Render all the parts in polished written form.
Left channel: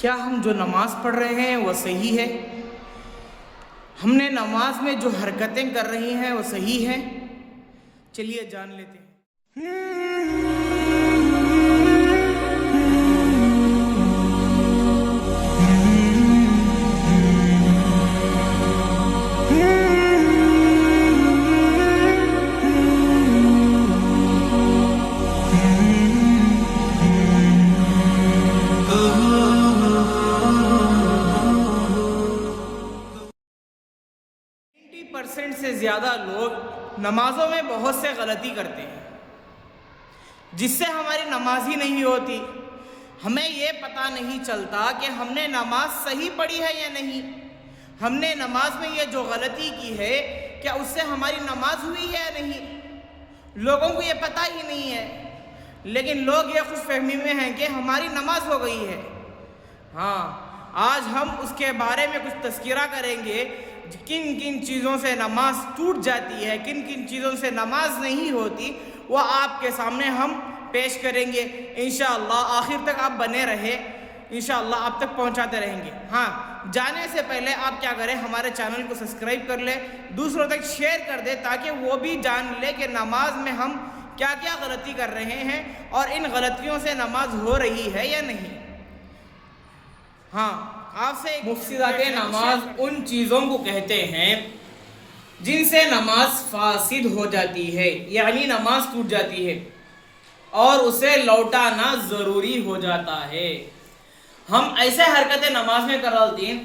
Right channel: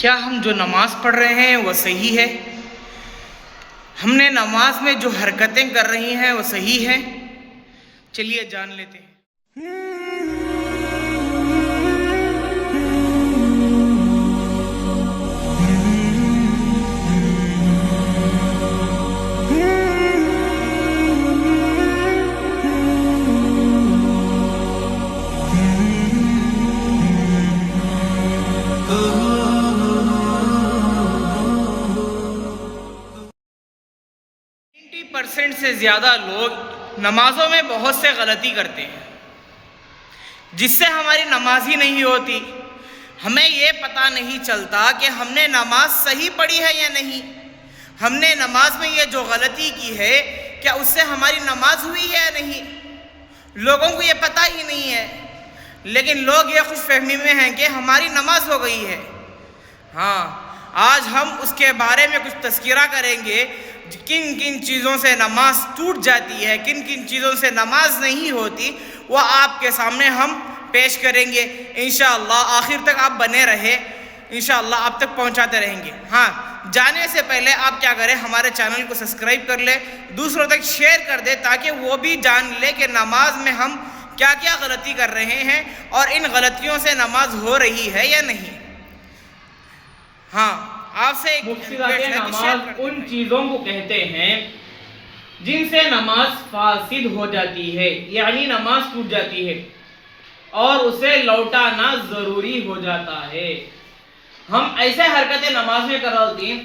کیا ہم جو نماز پڑھ رہے ہیں وہ صحیح ہے؟ ہم نے نماز میں جو حرکتیں کر رہی ہیں وہ صحیح ہے؟ چلیے جان لیتے ہیں۔ % سے زیادہ لوگ نمازوں میں بہت سے غلطی کرتے ہیں جس سے ہماری نماز ہی نہیں ہوتی۔ ہمیں یہ پتہ نہیں چلتا کہ ہم نے نماز صحیح پڑھی ہے یا نہیں۔ ہم نے نماز میں یہ جو غلطی کی ہے کیا اس سے ہماری نماز ہوئی ہے یا نہیں، لوگوں کو یہ پتہ ہی نہیں ہے، لیکن لوگ یہ خوش فہمی میں ہیں کہ ہماری نماز ہو گئی ہے۔ ہاں، آج ہم اس کے بارے میں کچھ تذکرہ کریں گے، کن کن چیزوں سے نماز ٹوٹ جاتی ہے، کن کن چیزوں سے نماز نہیں ہوتی، وہ آپ کے سامنے ہم پیش کریں گے انشاءاللہ۔ آخر تک آپ بنے رہے، انشاءاللہ آپ تک پہنچاتے رہیں گے۔ ہاں، جانے سے پہلے آپ کیا کریں، ہمارے چینل کو سبسکرائب کر لیں، دوسروں تک شیئر کر دیں تاکہ وہ بھی جان لے کہ نماز میں ہم کیا کیا غلطی کر رہے ہیں اور ان غلطیوں سے نماز ہو رہی ہے یا نہیں۔ ہاں، آپ سے مفسدات نماز ان چیزوں کو کہتے ہیں جن سے نماز فاسد ہو جاتی ہے، یعنی نماز ٹوٹ جاتی ہے اور اسے لوٹانا ضروری ہو جاتا ہے۔ ہم ایسے حرکتیں نماز میں کرواتے ہیں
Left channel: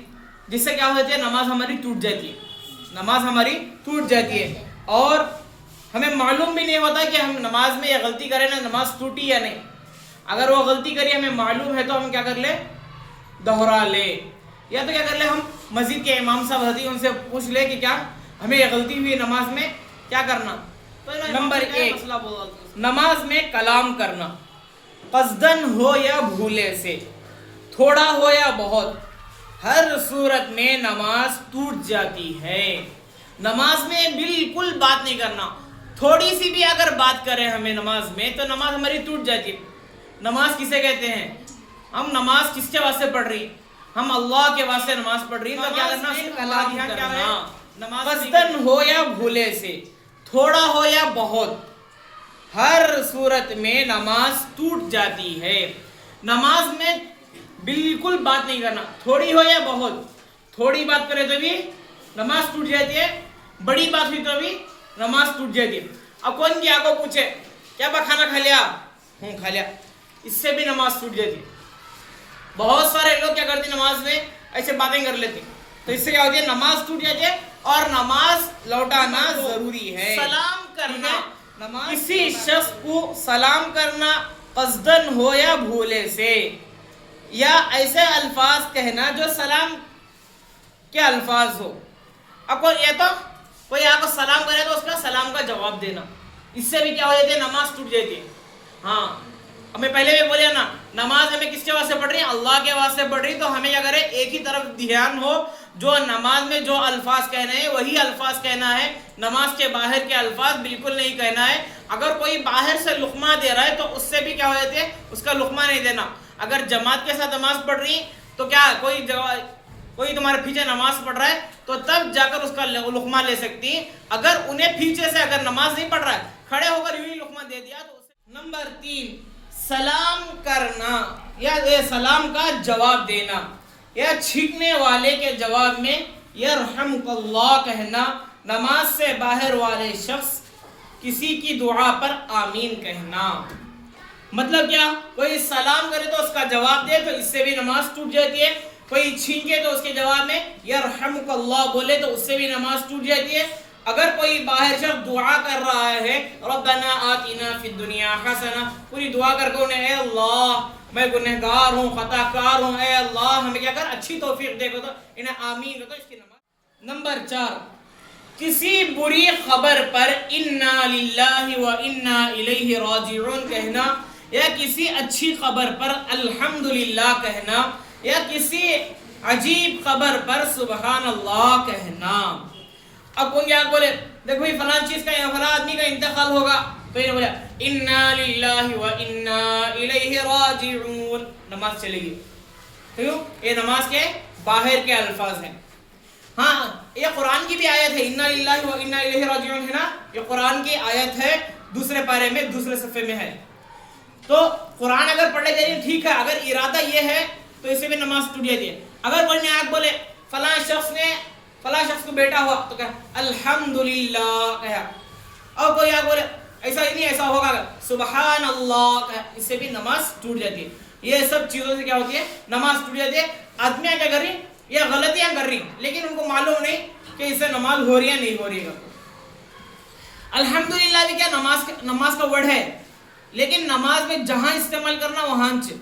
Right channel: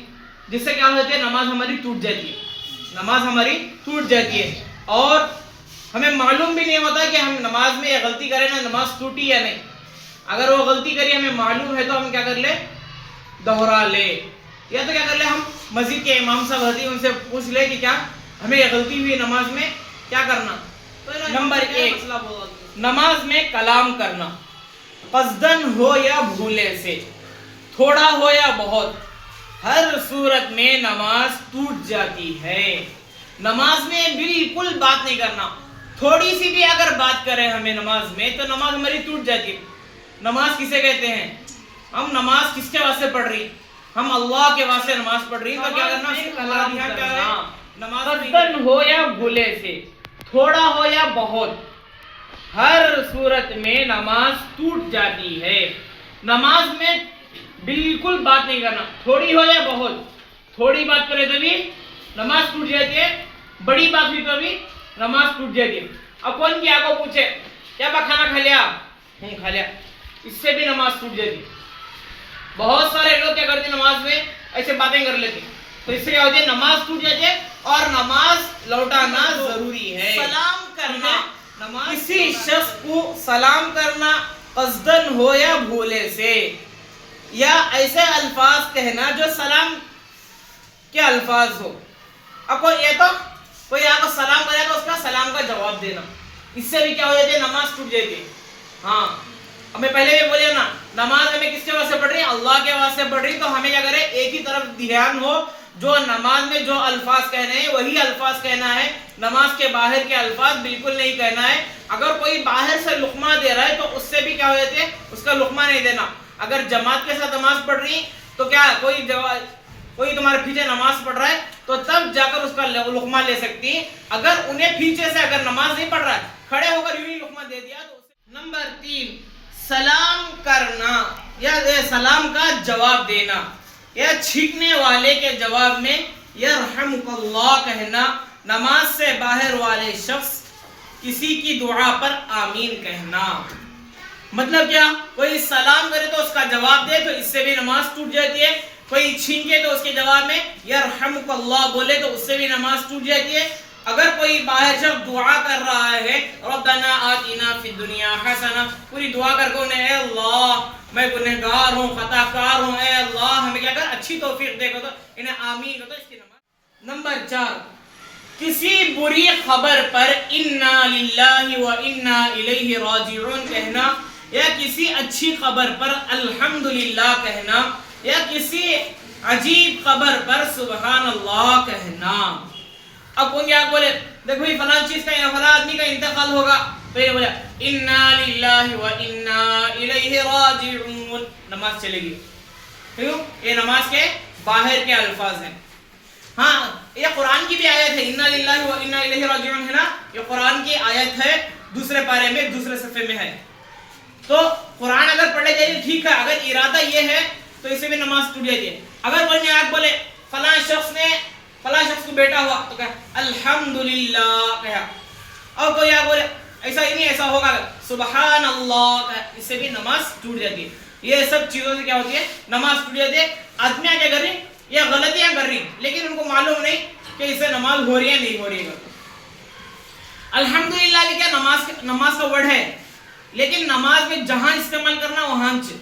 جس سے کیا ہوتی ہے، نماز ہماری ٹوٹ جاتی ہے، نماز ہماری ٹوٹ جاتی ہے اور ہمیں معلوم بھی نہیں ہوتا کہ ہم نماز میں یہ غلطی کریں نا، نماز ٹوٹی یا نہیں۔ اگر وہ غلطی کری ہمیں معلوم ہے تو ہم کیا کر لیں، دہرا لے، یا تو کیا کر لیں، ہم مسجد کے امام صاحب ہوتی ہیں ان سے پوچھ لے کہ کیا ہمیں یہ غلطی ہوئی نماز میں، کیا کرنا۔ نمبر 1، نماز میں کلام کرنا، قصدن ہو یا بھولے سے، تھوڑا ہو یا بہت، ہر صورت میں نماز ٹوٹ جاتی ہے۔ نماز میں بالکل بات نہیں کرنا، تھوڑی سی بھی اگر بات کریں ہمیں نماز میں تو نماز ہماری ٹوٹ جاتی ہے۔ نماز کسے کہتے ہیں، ہم نماز کس کے واسطے پڑھ رہی، ہم اللہ کے واسطے نماز پڑھ رہی، تو کیا کرنا، قصدن ہو یا بھولے سے، تھوڑا ہو یا بہت، ہر صورت میں نماز ٹوٹ جاتی ہے۔ نماز میں بالکل بات نہیں کرنا، تھوڑی ہو یا بہت، تھوڑی بات کرے تو بھی نماز ٹوٹ جاتی ہے، بڑی بات ہوئی تو بھی نماز ٹوٹ جاتی ہے۔ اب کون کیا کو پوچھے کیا با کھانا کھا لیا، کھا لیا، اس سے بھی نماز ٹوٹ جاتی ہے۔ بہت سارے لوگ کیا کرتے ہیں، نماز میں ایسے باتیں کر لیتے ہیں، تو اس سے کیا ہوتی ہے، نماز ٹوٹ جاتی ہے اور نماز لوٹانا ضروری ہے۔ سلام کرنا، کسی شخص کو سلام کرنا قصدن ہو یا بھولے سے، یا ایسے الفاظ کہنا جو سلام کے الفاظ ہو۔ اب کوئی آپ کو سلام کرے تو اس کا سلام کا جواب دینا، اس سے بھی کیا ہو جاتی ہے، نماز ٹوٹ جاتی ہے۔ ہاں، ہمیں پہلے بھی بولے نا، نماز ہمیں کس کے واسطے پڑھ رہی ہے، اللہ کے واسطے پڑھ رہی، تو ہمیں کیا کرے، ایک ہی طرف دھیان ہو، جو نماز میں جو الفاظ کہنے ہیں وہی الفاظ کہنا ہے، نماز کے باہر کے الفاظ بالکل نہیں کہنا ہے۔ اگر کوئی باہر سے لقمہ دے رہا ہے تو اس سے بھی کیا ہو جاتی ہے، اس کا لقمہ نہیں دینا۔ اگر جماعت کے ساتھ نماز پڑھ رہی تو کیا کوئی تمہارے پیچھے نماز پڑھ رہا ہے تو تب جا کر اس کا لقمہ لے سکتی۔ اگر انہیں پیچھے سے اگر نماز نہیں پڑھ رہا ہے، کھڑے ہو کر یوں ہی لقمہ دے دیا تو نمبر 3، سلام کرنا یا سلام کا جواب دینا، یا چھینکنے والے کے جواب میں یرحمک اللہ کہنا، نماز سے باہر والے شخص کسی کی دعا پر آمین کہنا۔ مطلب کیا، کوئی سلام کرے تو اس کا جواب دے تو اس سے بھی نماز ٹوٹ جاتی ہے، کوئی چھینکے تو اس کے جواب میں یرحمک اللہ بولے تو اس سے بھی نماز ٹوٹ جاتی ہے۔ اگر کوئی باہر شخص دعا کر رہا ہے، ربنا آتنا فی الدنیا حسنہ، پوری دعا کر کے انہیں، اے اللہ میں گنہگار ہوں، خطا کار ہوں، اے اللہ ہمیں کیا کر اچھی توفیق دے گا، تو انہیں آمین کہو تو اس کی نماز۔ نمبر 4، کسی بری خبر پر انا للہ و انا الیہ راجعون کہنا، یا کسی اچھی خبر پر الحمدللہ کہنا، یا کسی عجیب خبر پر سبحان اللہ کہنا۔ اب کون کیا بولے، دیکھو بھائی فلاں چیز کا یا فلاں آدمی کا انتقال ہوگا، تو یہ بولا انا للہ و انا الیہ راجعون، نماز چلے گی۔ کیوں؟ یہ نماز کے باہر کے الفاظ ہیں. ہاں یہ قرآن کی بھی آیت ہے, انا للہ و انا الیہ راجعون ہے نا, یہ قرآن کی آیت ہے, دوسرے پارے میں دوسرے صفحے میں ہے. تو قرآن اگر پڑھ لے جائے ٹھیک ہے, اگر ارادہ یہ ہے تو اسے بھی نماز ٹوٹ جاتی ہے. اگر کوئی آیت بولے فلاں شخص کو بیٹا ہوا تو کہا الحمدللہ کہا, اور کوئی آیت بولے ایسا ہی نہیں ایسا ہوگا سبحان اللہ کہا, اس سے بھی نماز ٹوٹ جاتی ہے. یہ سب چیزوں سے کیا ہوتی ہے, نماز ٹوٹ جاتی ہے. آدمیاں کیا کر رہی, یہ غلطیاں کر رہی, لیکن ان کو معلوم نہیں کہ اس سے نماز ہو رہی ہے نہیں ہو رہی ہے. الحمدللہ بھی کیا نماز کا ورڈ ہے, لیکن نماز میں جہاں استعمال کرنا وہاں سے.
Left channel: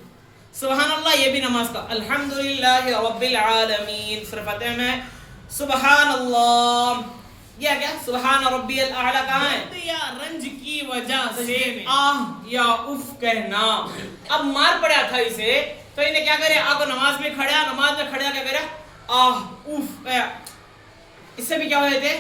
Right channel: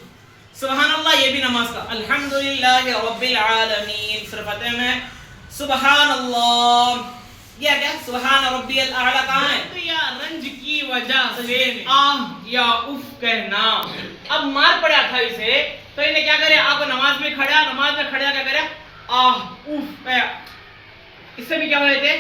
سبحان اللہ یہ بھی نماز کا, الحمدللہ رب العالمین سورہ فاتحہ میں سبحان اللہ, یہ کیا سبحان ربی الاعلی کہاں ہے, یا رنج کی وجہ سے آہ یا اف کہنا. اب مار پڑا تھا اسے تو انہیں کیا کرے, آپ نماز میں کھڑا کیا کرے, آہ اف, اس سے بھی کیا ہو جاتے,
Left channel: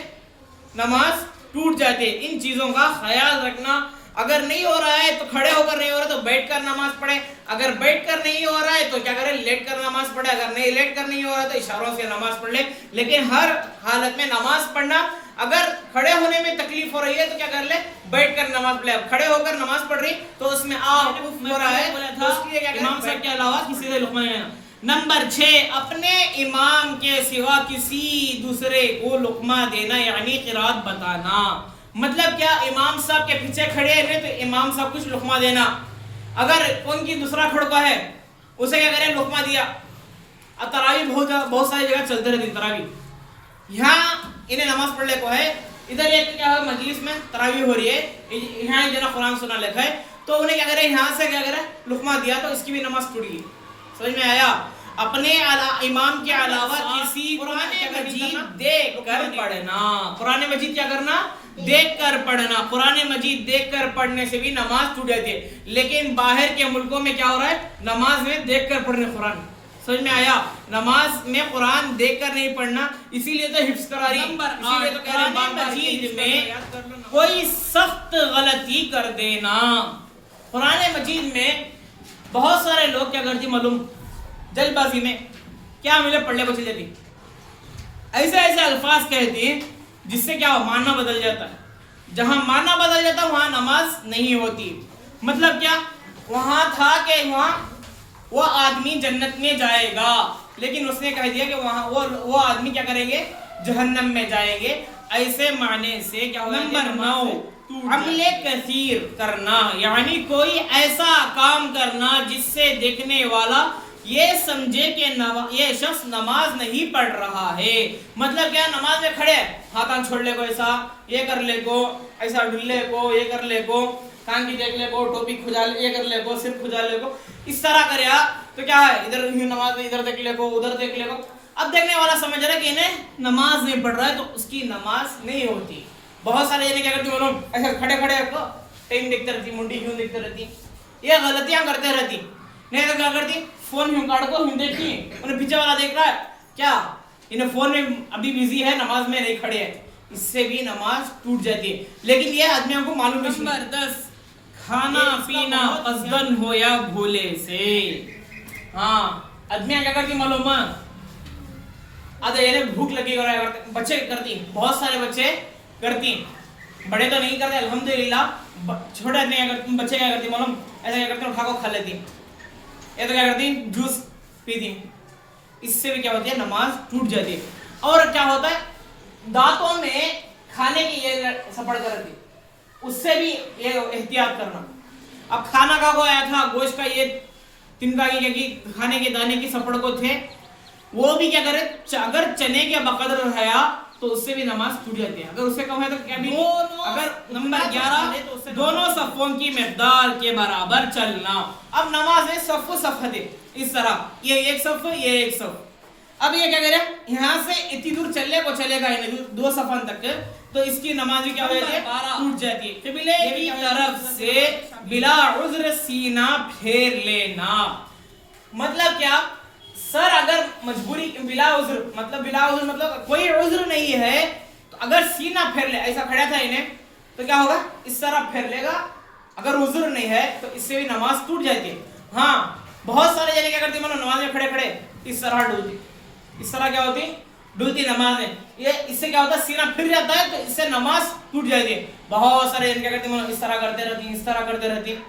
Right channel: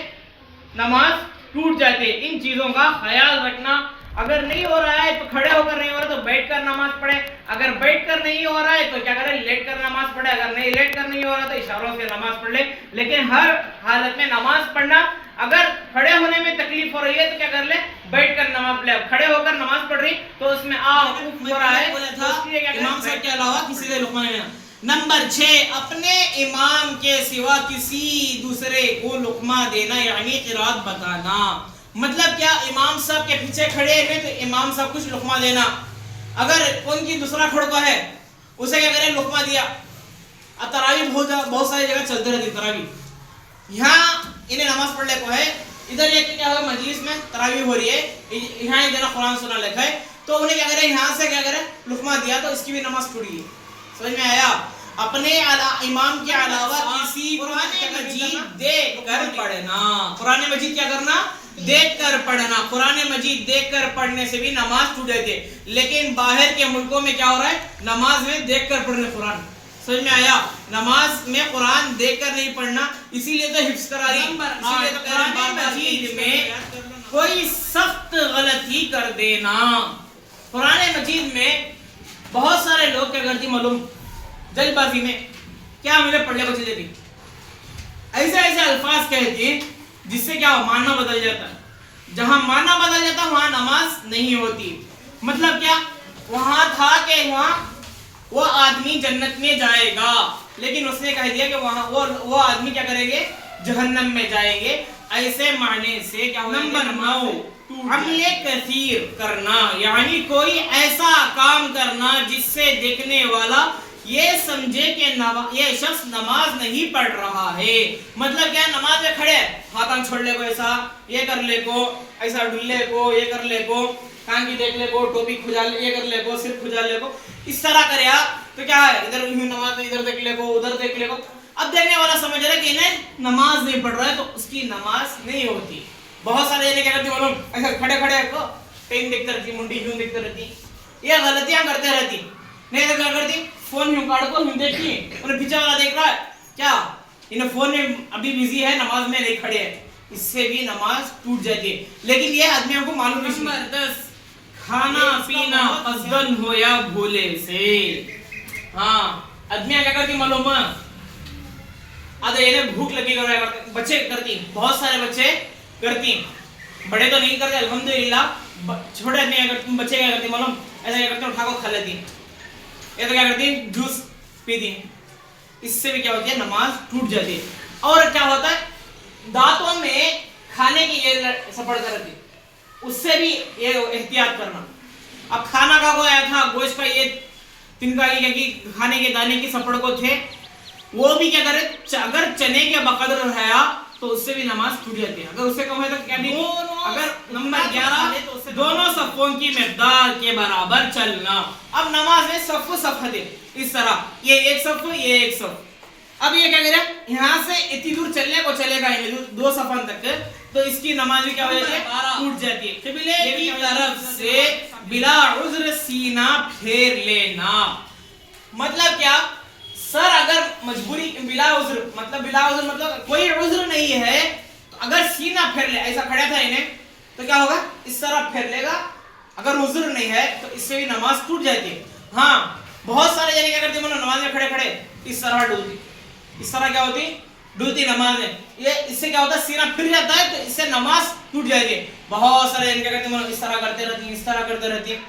نماز ٹوٹ جاتے. ان چیزوں کا خیال رکھنا. اگر نہیں ہو رہا ہے تو کھڑے ہو کر نہیں ہو رہا تو بیٹھ کر نماز پڑھے, اگر بیٹھ کر نہیں ہو رہا ہے تو کیا کرے لیٹ کر نماز پڑھے, اگر نہیں لیٹ کر نہیں ہو رہا تو اشاروں سے نماز پڑھ لے. لیکن ہر حالت میں نماز پڑھنا, اگر کھڑے ہونے میں تکلیف ہو رہی ہے تو کیا کر لے بیٹھ کر نماز پڑھے. اب کھڑے ہو کر نماز پڑھ رہی تو اس میں ہو رہا ہے امام صاحب کے علاوہ کسی سے لقمہ لینا. نمبر 6, اپنے امام کے سوا کسی دوسرے کو لقمہ دینا یعنی قرات بتانا. مطلب کیا, امام صاحب کے پیچھے کھڑے ہیں تو امام صاحب کچھ لقمہ دینا. اگر کون کی دوسرا کھڑکا ہے اسے کیا کرے لقمہ دیا. اب تراویح بہت ساری جگہ چلتے رہتے ہیں تراویح. یہاں انہیں نماز پڑھنے کو ہے, ادھر ایک کیا ہے مجلس میں تراویح ہو رہی ہے, یہاں جنا قرآن سنا لکھا ہے تو انہیں کیا کرے یہاں سے کیا کرے لقمہ دیا تو اس کی بھی نماز ٹوٹ گئی. سمجھ میں آیا؟ اپنے امام کے علاوہ کسی قرآن مجید دیکھ کر پڑھنا. قرآن مجید کیا کرنا, دیکھ کر پڑھنا. قرآن مجید دیکھ کر پڑھنے سے بھی نماز ٹوٹ جاتی ہے. لیکن باہر کے ملکوں میں کیا ہو رہا ہے, نماز میں دیکھ کر پڑھنے قرآن. سمجھ میں آیا؟ نماز میں قرآن دیکھ کر نہیں پڑھنا, اسی لیے تو حفظ کرا رہی, اسی لیے تو کہہ رہے ہیں قرآن مجید میں کوئی سخت غلطی کر دینا. قرآن مجید میں بہت سارے لوگ کیا کرتی معلوم, جلد بازی میں کیا مجھے پڑھنے کو چلے تھی, ایسے الفاظ کہتی جس سے کیا ماننا بدل جاتا ہے. جہاں ماننا بدل جاتا وہاں نماز نہیں ہوتی. مطلب کیا, وہاں تھا کہ وہاں وہ آدمی جنت میں جائے گا, لیکن اس نے کہہ دیا کہ وہاں وہ آدمی کیا کریں گے, جہنم میں جائیں گے. ایسے معنی سے کیا ہوگا. نمبر 9, عمل کثیر کرنا یعنی کوئی ایسا کام کرنا جس سے دیکھنے والا یہ سمجھے کہ یہ شخص نماز نہیں پڑھ رہا ہے. مطلب کیا, نماز میں کھڑے ہاتھ چھوڑ لے کو, ایسا یہ کر لے کو, ایسا ڈل لے کو, یہ کر لے کو, کان کی دیکھ لے کو, ٹوپی کھجا لے, یہ کر لے کو, صرف کھجا لے کو, اس طرح کرے تو کیا ہے, ادھر نماز ادھر دیکھ لے کو, ادھر دیکھ لے کو. اب دیکھنے والا سمجھ رہا ہے کہ انہیں نماز نہیں پڑھ رہا ہے تو اس کی نماز نہیں ہوتی. بہت سارے انہیں کیا کرتی معلوم, ایسا کھڑے کو ٹائم دیکھتے رہتی, منڈی یوں دیکھتے رہتی, یہ غلطیاں کرتے رہتی. نہیں تو کیا کرتی, فون یوں کاٹ کو یوں دیکھتی, انہیں پیچھے والا دیکھ رہا ہے کیا, انہیں فون میں ابھی بزی ہے, نماز میں نہیں کھڑے ہیں, اس سے بھی نماز ٹوٹ جاتی ہے. لیکن یہ آدمیوں کو معلوم نہیں. نمبر 10, کھانا پینا قصدن ہو یا بھولے سے. ہاں آدمیاں کیا کرتی معلوم ہے, آدھے انہیں بھوک لگی کر رہا ہے, بچے کرتی, بہت سارے بچے کرتی, بڑے تو نہیں کرتے الحمدللہ, چھوٹے آدمی کیا کرتی, بچے کیا کرتی معلوم, ایسا کیا کرتے اٹھا کو کھا لیتی, یہ تو کیا کرتی جوس پیتی. اس سے بھی کیا ہوتی ہے, نماز ٹوٹ جاتی ہے. اور کیا ہوتا ہے, دانتوں میں کھانے کی یہ سپڑ کر رہتی, اس سے بھی یہ احتیاط کرنا. اب کھانا کا وہ آیا تھا, گوشت کا یہ تنکا کی کھانے کے دانے کی سپڑ کو تھے, وہ بھی کیا کرے, اگر چنے کے بقدر رہا تو اس سے بھی نماز ٹوٹ جاتی ہے. اگر اس سے کم ہے تو کیا بھی, اگر نمبر 11, دونوں صفوں کی مقدار کے برابر چلنا. اب نماز میں صف ہے اس طرح, یہ ایک صف, یہ ایک صف. اب یہ کیا کرے, یہاں سے اتنی دور چلنے کو چلے گا دو صفن تک, تو اس کی نماز بھی کیا ہو جاتی ہے, ٹوٹ جاتی ہے. قبلے کی طرف سے بلا عذر سینہ پھیر لینا. مطلب کیا, سر اگر مجبوری بلا عذر مطلب کوئی عذر نہیں ہے تو اگر سینہ پھیر لے, ایسا کھڑا تھا انہیں تو کیا ہوگا, اس طرح پھیر لے گا. اگر عذر نہیں ہے تو اس سے بھی نماز ٹوٹ جاتی ہے. ہاں بہت سارے جنے کیا کرتے ہیں نماز میں کھڑے کھڑے اس طرح ڈولتی, اس طرح کیا ہوتی ڈولتی نماز میں, یہ اس سے کیا ہوتا ہے سینہ پھر جاتا ہے تو اس سے نماز ٹوٹ جاتی ہے. بہت سارے جنے کیا کرتے ہیں اس طرح کرتے رہتی ہیں, اس طرح کرتے رہتی ہیں,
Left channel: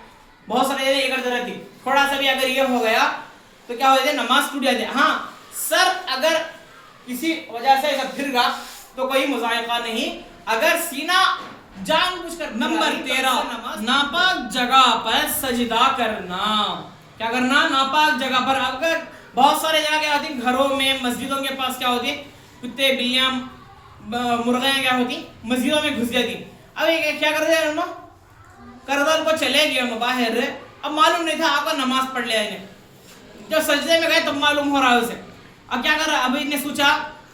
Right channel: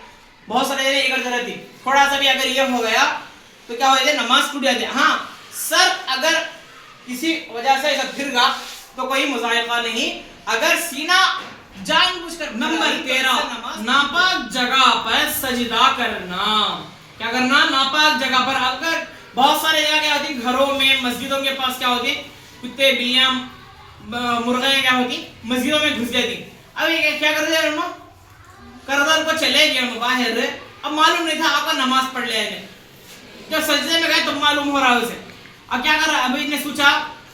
بہت سارے جنے یہ کرتے رہتی ہیں. تھوڑا سا بھی اگر یہ ہو گیا تو کیا ہو جاتی ہے نماز ٹوٹ جاتی ہے. ہاں سر اگر کسی وجہ سے ایسا پھر گا تو کوئی مذائقہ نہیں. اگر سینہ جان بوجھ کر. نمبر 13 ناپاک جگہ پر سجدہ کرنا. کیا کرنا؟ ناپاک جگہ پر. اگر بہت سارے جگہ کیا ہوتی گھروں میں مسجدوں کے پاس کیا ہوتی کتے بلیاں مرغیاں کیا ہوتی مسجدوں میں گھس جاتی. اب یہ کیا کرتے ہیں کردار کو چلے گئے باہر, اب معلوم نہیں تھا آپ کا نماز پڑھ لے گئے, جب سجدے میں گئے تب معلوم ہو رہا ہے اسے. اب کیا کر رہا ہے, ابھی نے سوچا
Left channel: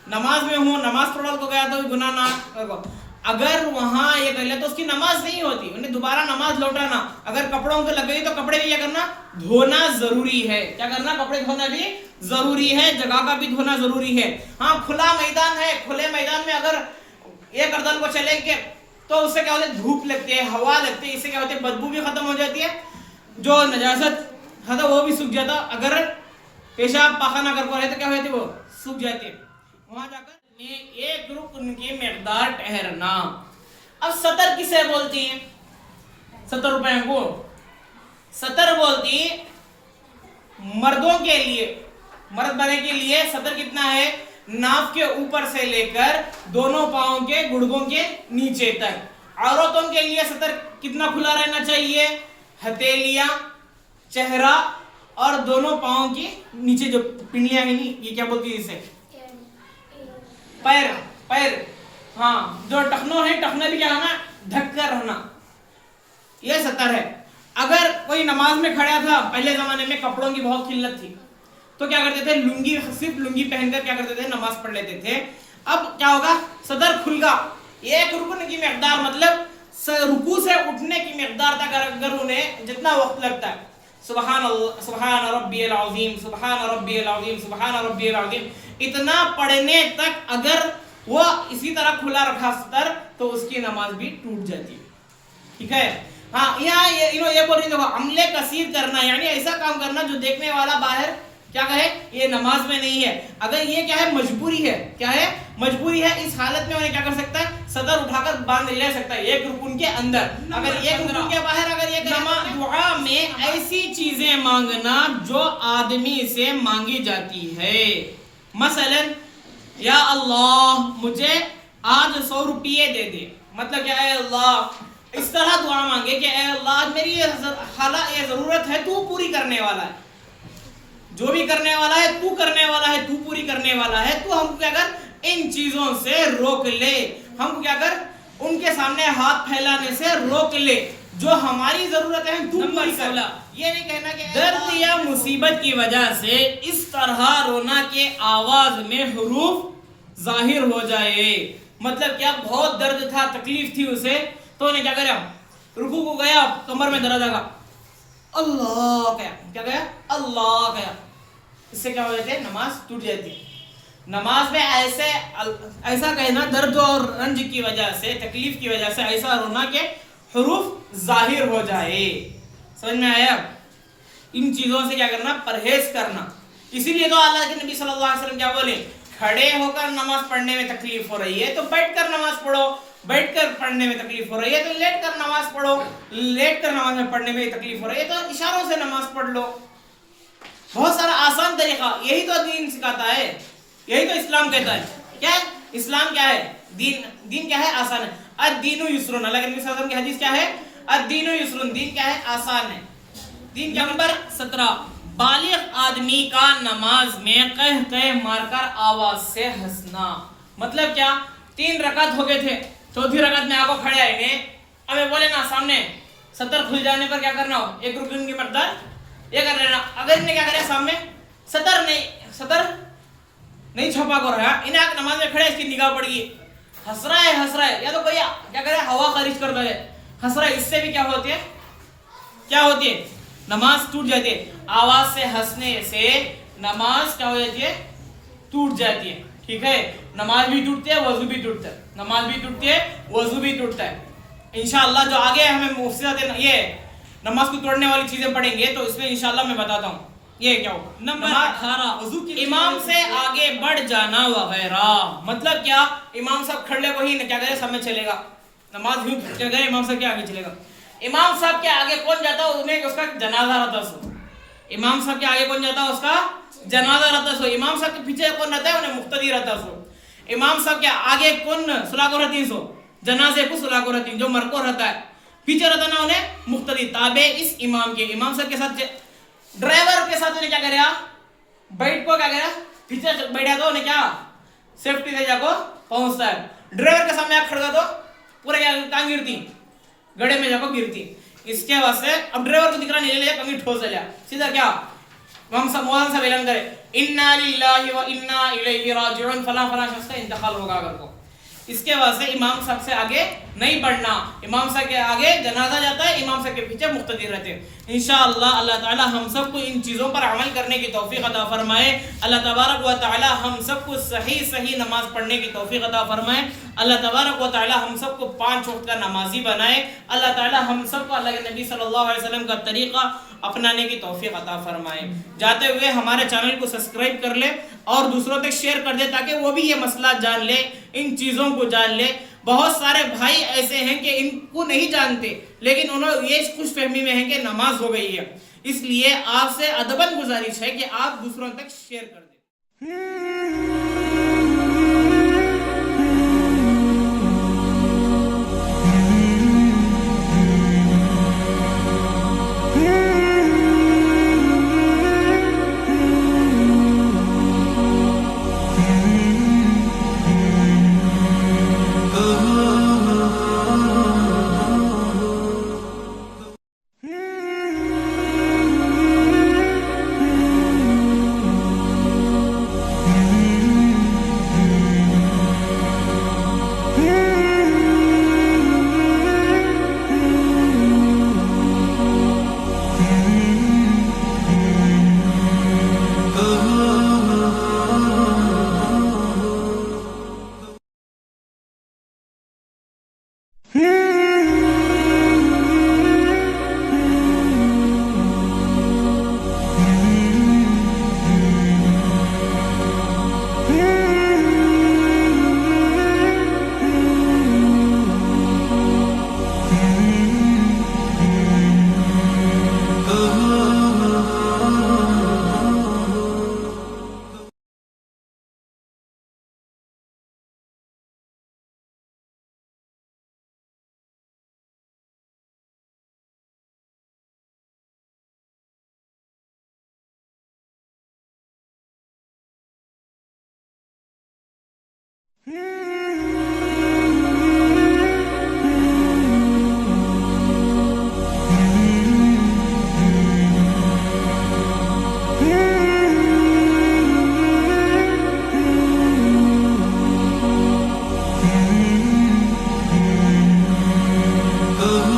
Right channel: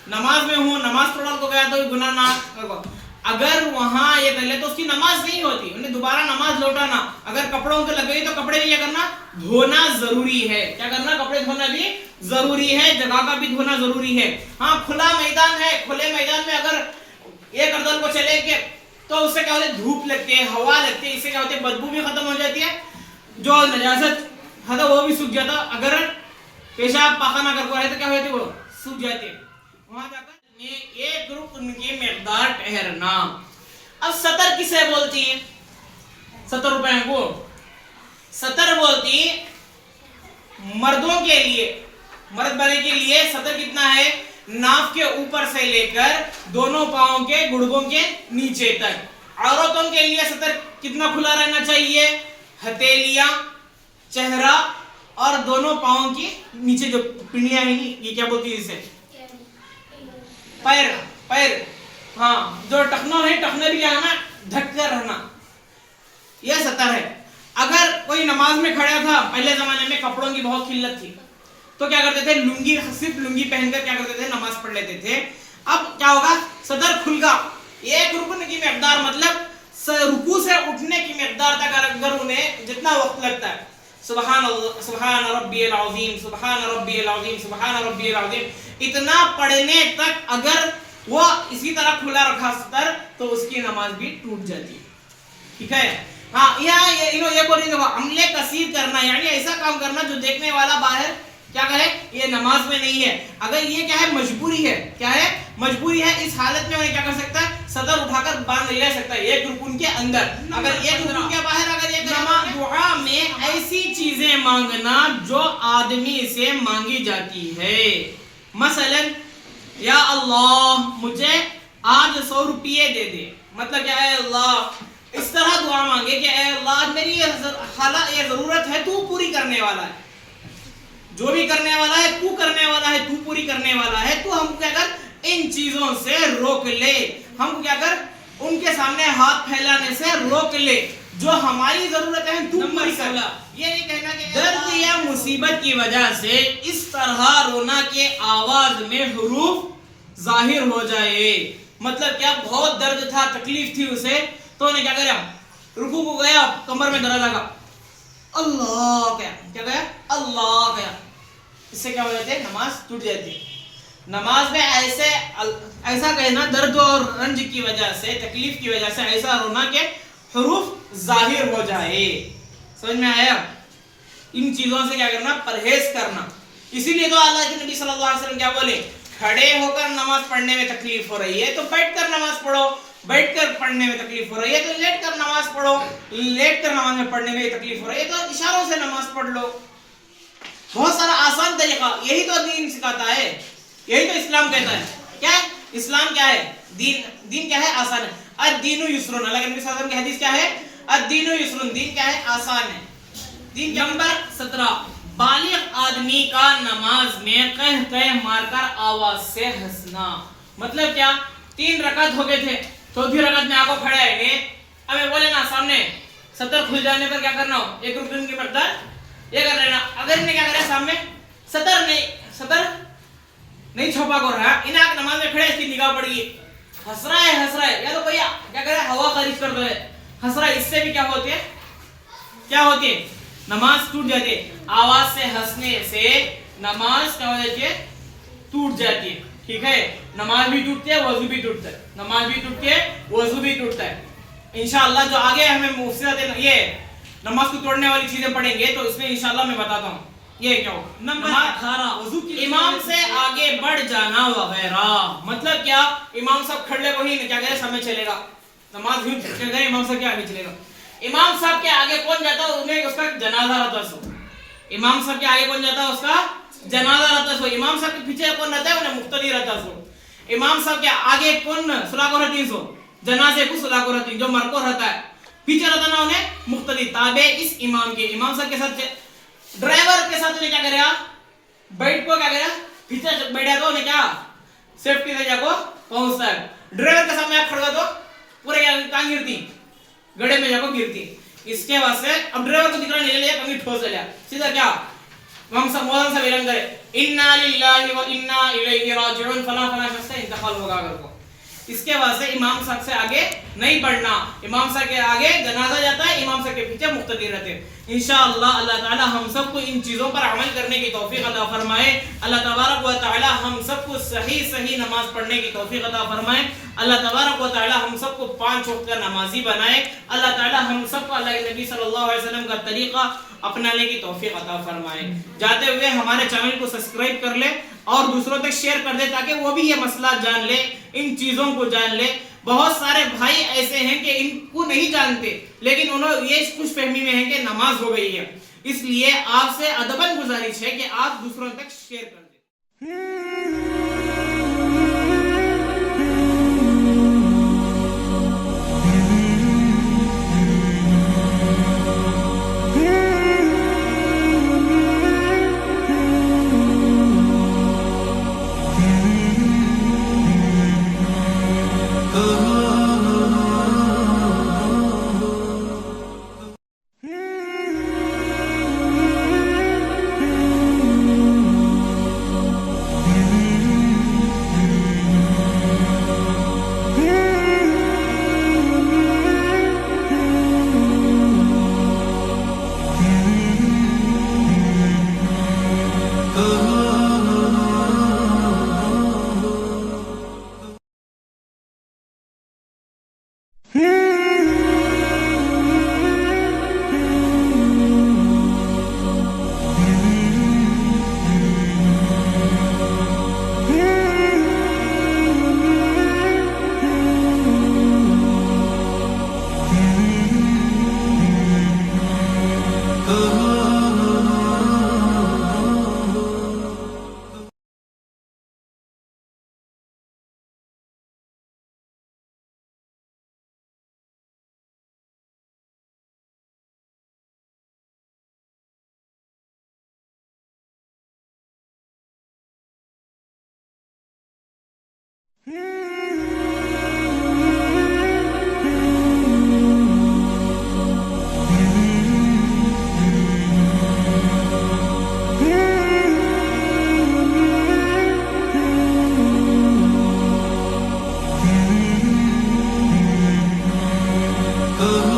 نماز میں ہوں, نماز پڑھنے کو گیا تو گناہ نہ کرو. اگر وہاں یہ کر لے تو اس کی نماز نہیں ہوتی, انہیں دوبارہ نماز لوٹانا. اگر کپڑوں کو لگ گئی تو کپڑے بھی کیا کرنا دھونا ضروری ہے. کیا کرنا؟ کپڑے دھونا بھی ضروری ہے, جگہ کا بھی دھونا ضروری ہے. ہاں کھلا میدان ہے, کھلے میدان میں اگر یہ گردن کو چلے گئے تو اس سے کیا ہوتا ہے دھوپ لگتی ہے, ہوا لگتی ہے, اس سے کیا ہوتی ہے بدبو بھی ختم ہو جاتی ہے, جو نجاست ہے وہ بھی سوکھ جاتا. اگر پیشاب پاخانہ کر کو رہے تو کیا ہوتی ہے وہ سوکھ جاتی ہے. وہاں جا کر ایک رکن کی مقدار ٹھہرنا. اب سطر کسے بولتی ہیں؟ 70 روپے کو سطر بولتی مردوں کے لیے, مرد بنے کے لیے سطر کتنا ہے؟ ناف کے اوپر سے لے کر دونوں پاؤں کے گڑگوں کے نیچے تک. عورتوں کے لیے سطر کتنا کھلا رہنا چاہیے؟ ہتھیلیاں, چہرہ اور دونوں پاؤں کی نیچے جو پنڈلیاں ہیں یہ کیا بولتی ہے اسے؟ پیر. پیر ہاں جو ٹخنا ہے, ٹخنا بھی کیا ہے نا ڈھک کر رہنا, یہ سطر ہے. اگر کوئی نماز میں کھڑا تھا, پہلے زمانے میں کپڑوں کی بہت قلت تھی تو کیا کرتے تھے لنگی, صرف لنگی پہن کر کیا کرتے تھے نماز پڑھ لیتے تھے. اب کیا ہوگا صدر کھل گا, ایک رکن کی مقدار مطلب رکوع سے اٹھنے کی مقدار تک اگر انہیں جتنا وقت لگتا ہے سبحان اللہ, سبحان ربی العظیم, سبحان ربی العظیم, سبحان ربی العظیم, اتنا پڑھنے تک اگر وہ اسی طرح کھلا رکھا سطر تو اس کی نماز بھی ٹوٹ جاتی ہے. ٹھیک ہے. ہاں یہاں یہ بول رہی ہے عمل کثیر کرنا, یعنی ایسا کام کرنا جو دیکھنے والا باہر کیا کہے یہ نماز میں نہیں ہے. اگر یہ کیا ہے مجبوری ہے, کیا ہے مجبوری ہے, اس حالت میں کیا کر سکتا ہے صدر اٹھا کر باندھ لے سکتا ہے ایک رکن کے اندر. اگر ایک رکن کے باہر اگر یہ دعا میں ایسی چیزیں مانگنا جو آدمی سے مانگی جاتی ہے, مثلا یا اللہ مجھے آج 100 روپیے دے دے, مطلب کیا ہے اللہ اس طرح دعا مانگے کہ اے اللہ میری یہ ضرورت ہے, تو پوری کرنے والا ہے, جو بھی کرنے والا ہے تو کرنے والا ہے, تو پوری کرنے والا ہے, تو ہم کو کیا کر ان چیزوں سے روک لے, ہم کو کیا کر ان کے سامنے ہاتھ پھیلانے سے روک لے, جو ہماری ضرورت ہے تو پوری کر. یہ نہیں کہنا کہ درد یا مصیبت کی وجہ سے اس طرح رونا کے آواز میں حروف ظاہر ہو جائے. مطلب کیا بہت درد تھا, تکلیف تھی اسے, تو انہیں کیا کریا رکوع کو گیا, کمر میں درد آگا, اللہ کیا گیا اللہ کیا, اس سے کیا ہو جاتے ہیں نماز ٹوٹ جاتی ہے. نماز میں ایسا کہنا درد اور رنج کی وجہ سے, تکلیف کی وجہ سے ایسا رونا کہ حروف ظاہر ہو جائے. سمجھ میں آیا؟ ان چیزوں سے کیا کرنا پرہیز کرنا. اسی لیے تو اللہ کے نبی صلی اللہ علیہ وسلم کیا بولے, کھڑے ہو کر نماز پڑھنے میں تکلیف ہو رہی ہے تو بیٹھ کر نماز پڑھو, بیٹھ کر پڑھنے میں تکلیف ہو رہی ہے تو لیٹ کر نماز پڑھو, لیٹ کر نماز میں پڑھنے میں تکلیف ہو رہی ہے تو اشاروں سے نماز پڑھ لو. بہت سارا آسان طریقہ, یہی تو دین سکھاتا ہے, یہی تو اسلام کہتا ہے. کیا ہے اسلام, کیا ہے دین کیا ہے آسان ہے. الدین یسر, اللہ کے نبی صلی اللہ علیہ وسلم کی حدیث کیا ہے الدین یسر, دین کیا ہے آسان ہے. دین نمبر 17 بالغ آدمی کا نماز میں قہقہ مار کر آواز سے ہنسنا. مطلب کیا 3 رکعت ہو گئے تھے, چوتھی رکعت میں آپ کو کھڑے آئے گے, اب میں بولے نا سامنے سطر کھل جانے پر کیا کرنا ہو, ایک رکن کی مقدار یہ کر لینا. اگر انہیں کیا کریا سامنے سطر نہیں چھپا کر رہا, انہیں آپ نماز میں کھڑے, اس کی نگاہ پڑی ہے, ہنس رہا ہے, یا تو بھیا کیا کرے ہوا خارج کرتا ہے, ہنس رہا ہے, اس سے بھی کیا ہوتی ہے نماز ٹوٹ جاتی ہے. آواز سے ہنسنے سے نماز کیا ہو جاتی ہے ٹوٹ جاتی ہے. ٹھیک ہے, نماز بھی ٹوٹتی ہے, وضو بھی ٹوٹتا ہے, نماز بھی ٹوٹتی ہے, وضو بھی ٹوٹتا ہے. انشاءاللہ جو آگے ہمیں مفسدات یہ نماز کو توڑنے والی چیزیں پڑھیں گے تو اس میں انشاءاللہ میں بتاتا ہوں. یہ کیا ہوگا؟ نمبر 18 وضو کی امام سے آگے بڑھ جانا وغیرہ. مطلب کیا؟ امام صاحب کھڑے وہی کیا کرے سب میں چلے گا. نماز یوں چل گئے امام صاحب کے آگے چلے گا. امام صاحب کے آگے کون جاتا ہے انہیں اس کا جنازہ رہتا سو. امام صاحب کے آگے کون جاتا ہے اس کا جنازہ رہتا سو. امام صاحب کے پیچھے کون رہتا ہے انہیں مقتدی رہتا سو. امام صاحب کے آگے کون صلاح کو رہتی سو جنازے کو صلاح کو رہتی جو مر کو رہتا ہے پیچھے رہتا نا انہیں مقتدی تابع اس امام کے. امام صاحب کے ساتھ ڈرائیور کے ساتھ انہیں کیا کرے بیٹھ کو کیا کرے پیچھے بیٹھا تو انہیں کیا سیفٹی سے جا کو پہنچتا ہے. ڈرائیور کے سامنے آپ کھڑا تو پورے کہاں گرتی گڑے میں جا کو گرتی. اس کے واسطے اب ڈرائیور کو دکھ رہا نہیں لیا کمی ٹھوس لیا سیدھا کیا ہم سب مولانا صاحب اعلان کرے انا للہ و انا الیہ راجعون فلاں فلاں شخص کا انتقال ہوگا اگر کو. اس کے واسطے امام صاحب سے آگے نہیں بڑھنا. امام صاحب کے آگے جنازہ جاتا ہے امام صاحب کے پیچھے مقتدی رہتے ہیں. انشاءاللہ اللہ تعالی ہم سب کو ان چیزوں پر عمل کرنے کی توفیق عطا فرمائے. اللہ تبارک و تعالی ہم سب کو صحیح نماز پڑھنے کی توفیق عطا فرمائے. اللہ تبارک و تعالی ہم سب کو 5 وقت کا نمازی بنائے. اللہ تعالی ہم سب کو اللہ کے نبی صلی اللہ علیہ وسلم کا طریقہ اپنانے کی توفیق عطا فرمائے. جاتے ہوئے ہمارے چینل کو سبسکرائب کر لے اور دوسروں تک شیئر کر دے تاکہ وہ بھی یہ مسئلہ جان لے ان چیزوں کو جان لے. بہت سارے بھائی ایسے ہیں کہ ان کو نہیں جانتے لیکن انہوں یہ خوش فہمی میں ہے کہ نماز ہو گئی ہے. اس لیے آپ سے ادباً گزارش ہے کہ آپ دوسروں تک شیئر کر دیں. Oh